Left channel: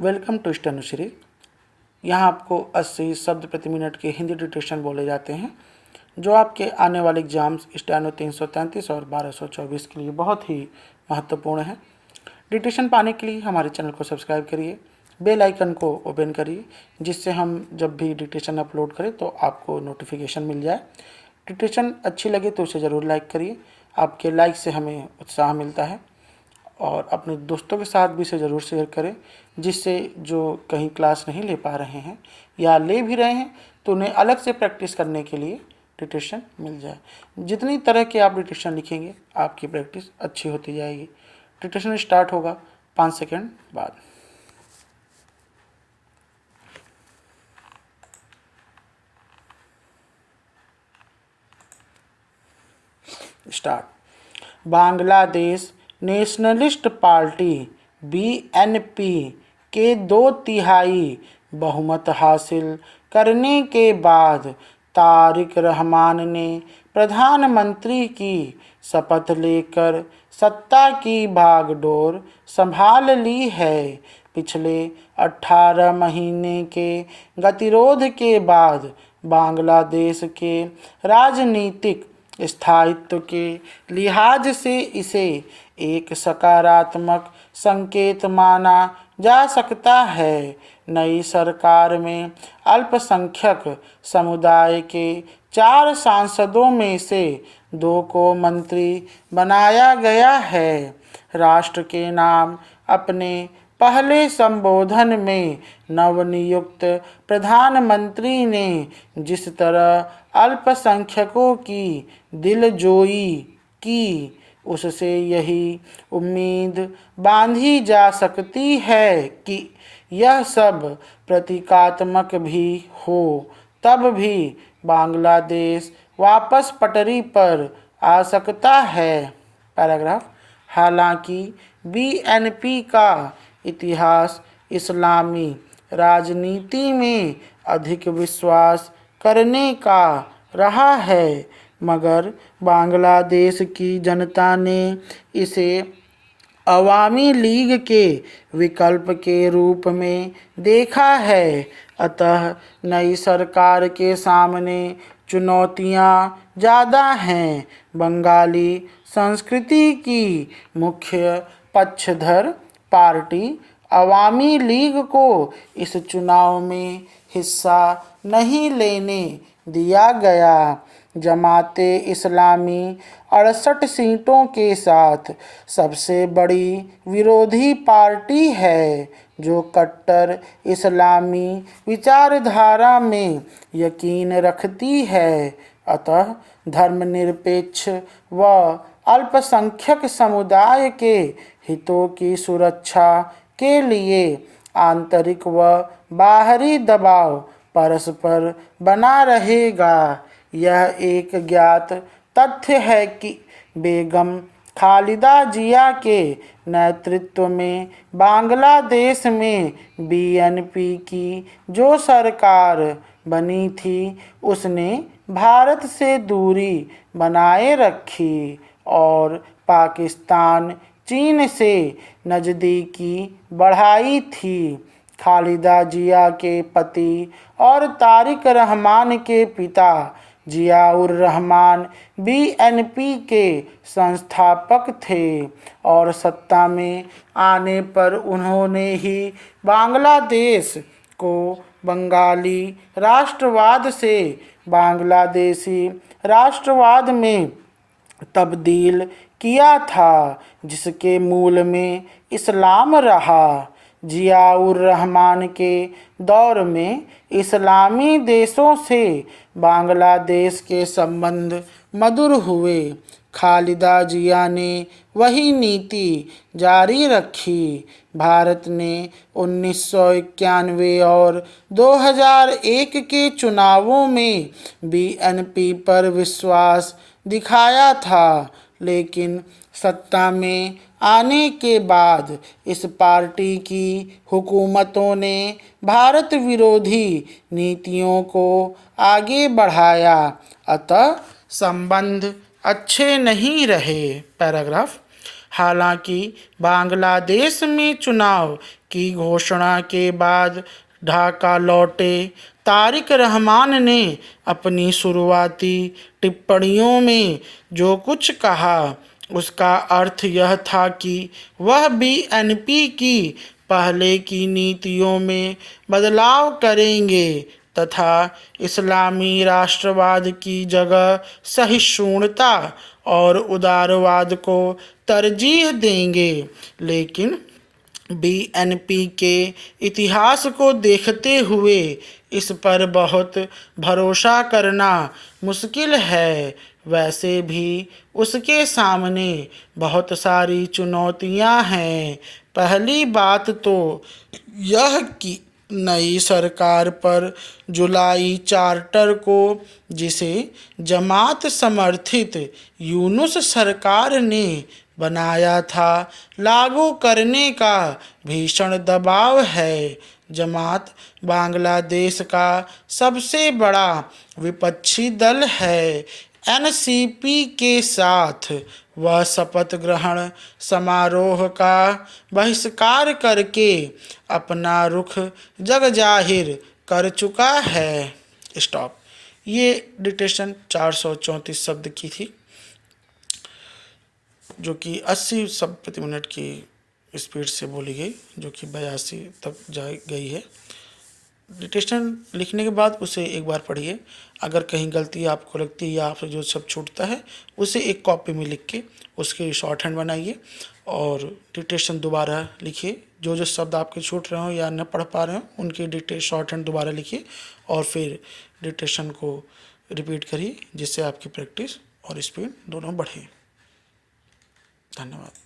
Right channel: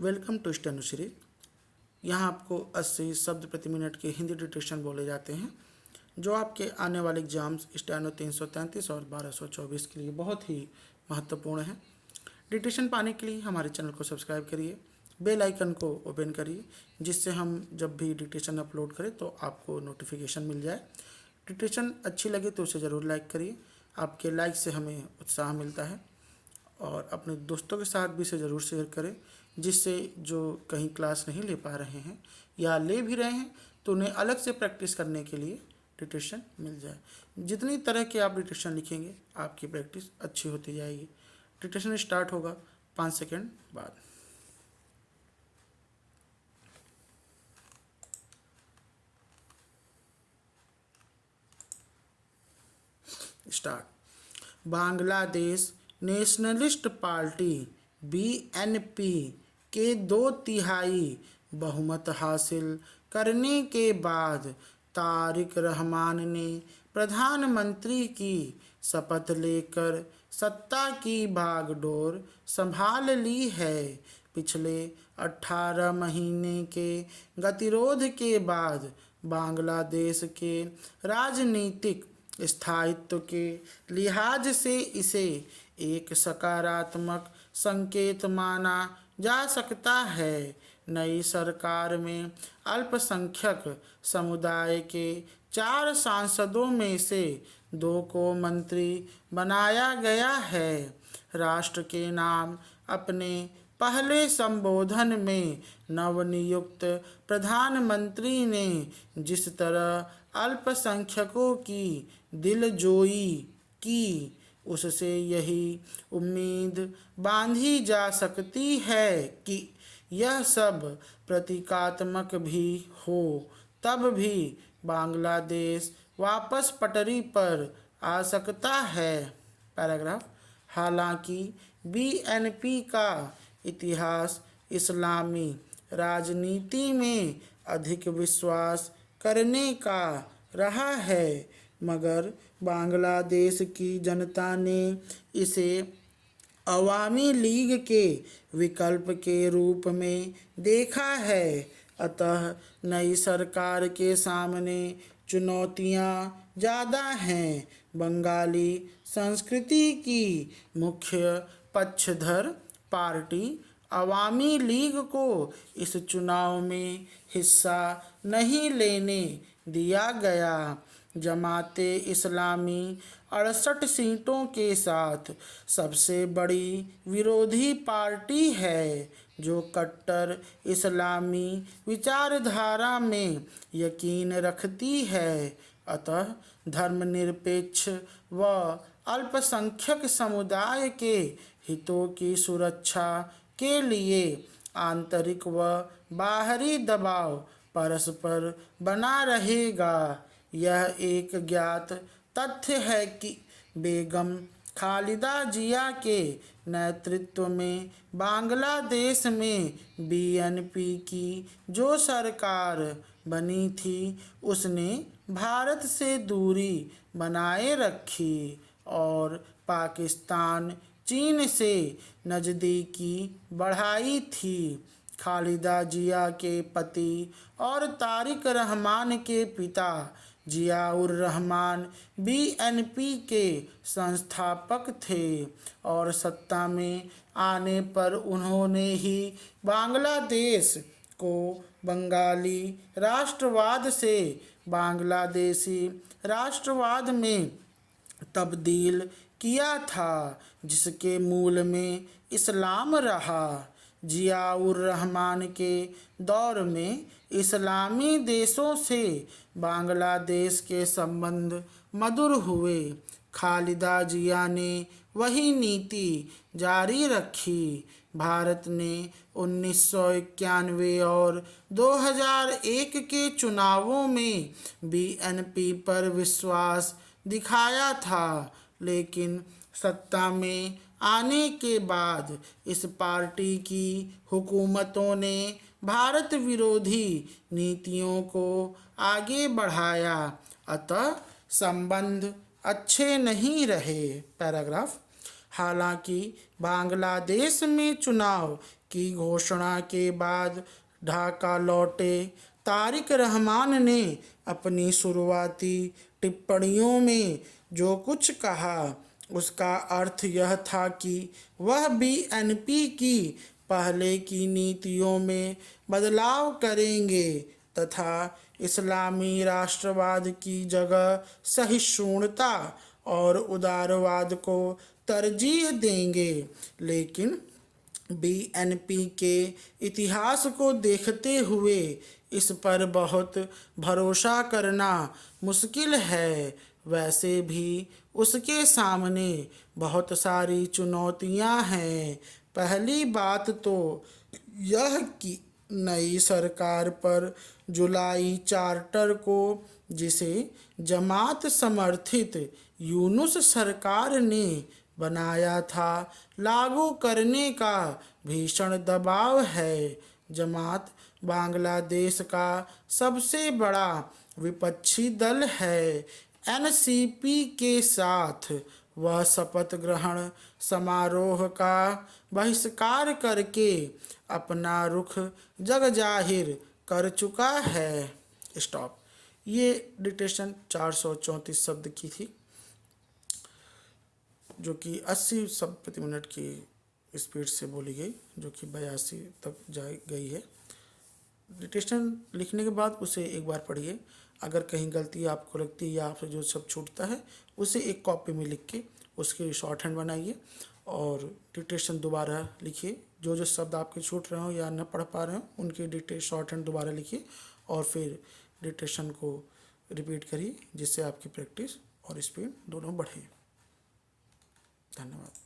Welcome to स्टेनोश्री। यहाँ आपको 80 शब्द प्रति मिनट के हिंदी डिक्टेशन बोले जाते हैं, जो आपके आने वाले एग्जाम्स स्टेनो 333 और 1224 के लिए बहुत ही महत्वपूर्ण है। डिक्टेशन पाने के लिए हमारे चैनल को सब्सक्राइब करिए, बेल आइकन को ओपन करिए, जिससे हम जब भी डिक्टेशन अपलोड करें तो आपको नोटिफिकेशन मिल जाए। डिक्टेशन अच्छी लगे तो उसे ज़रूर लाइक करिए, आपके लाइक से हमें उत्साह मिलता है। और अपने दोस्तों के साथ भी इसे ज़रूर शेयर करें, जिससे जो कहीं क्लास नहीं ले पा रहे हैं या ले भी रहे हैं तो उन्हें अलग से प्रैक्टिस करने के लिए डिक्टेशन मिल जाए। जितनी तरह के आप डिक्टेशन लिखेंगे आपकी प्रैक्टिस अच्छी होती जाएगी। डिक्टेशन स्टार्ट होगा 5 सेकंड बाद। Start. Bangladesh nationalist party BNP के 2/3 बहुमत हासिल करने के बाद तारिक रहमान ने प्रधानमंत्री की शपथ लेकर सत्ता की बागडोर संभाल ली है। पिछले 18 महीने के गतिरोध के बाद बांग्लादेश के राजनीतिक स्थायित्व के लिहाज से इसे एक सकारात्मक संकेत माना जा सकता है। नई सरकार में अल्पसंख्यक समुदाय के 4 सांसदों में से 2 को मंत्री बनाया गया है। राष्ट्र के नाम अपने पहले संबोधन में नवनियुक्त प्रधानमंत्री ने जिस तरह अल्पसंख्यकों की दिलजोई की, उससे यही उम्मीद बांधी जा सकती है कि यह सब प्रतीकात्मक भी हो, तब भी बांग्लादेश वापस पटरी पर आ सकता है। पैराग्राफ। हालांकि बीएनपी का इतिहास इस्लामी राजनीति में अधिक विश्वास करने का रहा है, मगर बांग्लादेश की जनता ने इसे अवामी लीग के विकल्प के रूप में देखा है। अतः नई सरकार के सामने चुनौतियां ज़्यादा हैं। बंगाली संस्कृति की मुख्य पक्षधर पार्टी अवामी लीग को इस चुनाव में हिस्सा नहीं लेने दिया गया। जमाते इस्लामी 68 सीटों के साथ सबसे बड़ी विरोधी पार्टी है, जो कट्टर इस्लामी विचारधारा में यकीन रखती है। अतः धर्मनिरपेक्ष व अल्पसंख्यक समुदाय के हितों की सुरक्षा के लिए आंतरिक व बाहरी दबाव परस्पर बना रहेगा। यह एक ज्ञात तथ्य है कि बेगम खालिदा जिया के नेतृत्व में बांग्लादेश में बीएनपी की जो सरकार बनी थी, उसने भारत से दूरी बनाए रखी और पाकिस्तान, चीन से नज़दीकी बढ़ाई थी। खालिदा जिया के पति और तारिक रहमान के पिता जियाउर रहमान बीएनपी के संस्थापक थे और सत्ता में आने पर उन्होंने ही बांग्लादेश को बंगाली राष्ट्रवाद से बांग्लादेशी राष्ट्रवाद में तब्दील किया था, जिसके मूल में इस्लाम रहा। जियाउर रहमान के दौर में इस्लामी देशों से बांग्लादेश के संबंध मधुर हुए। खालिदा जिया ने वही नीति जारी रखी। भारत ने 1991 और 2001 के चुनावों में बीएनपी पर विश्वास दिखाया था, लेकिन सत्ता में आने के बाद इस पार्टी की हुकूमतों ने भारत विरोधी नीतियों को आगे बढ़ाया, अतः संबंध अच्छे नहीं रहे। पैराग्राफ। हालांकि बांग्लादेश में चुनाव की घोषणा के बाद ढाका लौटे तारिक रहमान ने अपनी शुरुआती टिप्पणियों में जो कुछ कहा उसका अर्थ यह था कि वह बीएनपी की पहले की नीतियों में बदलाव करेंगे तथा इस्लामी राष्ट्रवाद की जगह सहिष्णुता और उदारवाद को तरजीह देंगे। लेकिन बीएनपी के इतिहास को देखते हुए इस पर बहुत भरोसा करना मुश्किल है। वैसे भी उसके सामने बहुत सारी चुनौतियां हैं। पहली बात तो यह कि नई सरकार पर जुलाई चार्टर को, जिसे जमात समर्थित यूनुस सरकार ने बनाया था, लागू करने का भीषण दबाव है। जमात बांग्लादेश का सबसे बड़ा विपक्षी दल है। एनसीपी के साथ वह शपथ ग्रहण समारोह का बहिष्कार करके अपना रुख जगजाहिर कर चुका है। स्टॉप। ये डिक्टेशन 434 शब्द की थी, जो कि 80 शब्द प्रति मिनट की स्पीड से बोली गई, जो कि 82 तक जा गई है। डिक्टेशन लिखने के बाद उसे एक बार पढ़िए। अगर कहीं गलती आपको लगती है या आपसे जो सब छूटता है उसे एक कॉपी में लिख के उसके शॉर्ट हैंड बनाइए और डिक्टेशन दोबारा लिखिए। जो जो शब्द आपके छूट रहे हो या न पढ़ पा रहे हो उनकी डिक्टेशन शॉर्ट हैंड दोबारा लिखिए और फिर डिक्टेशन को रिपीट करिए, जिससे आपकी प्रैक्टिस और स्पीड दोनों बढ़े। धन्यवाद।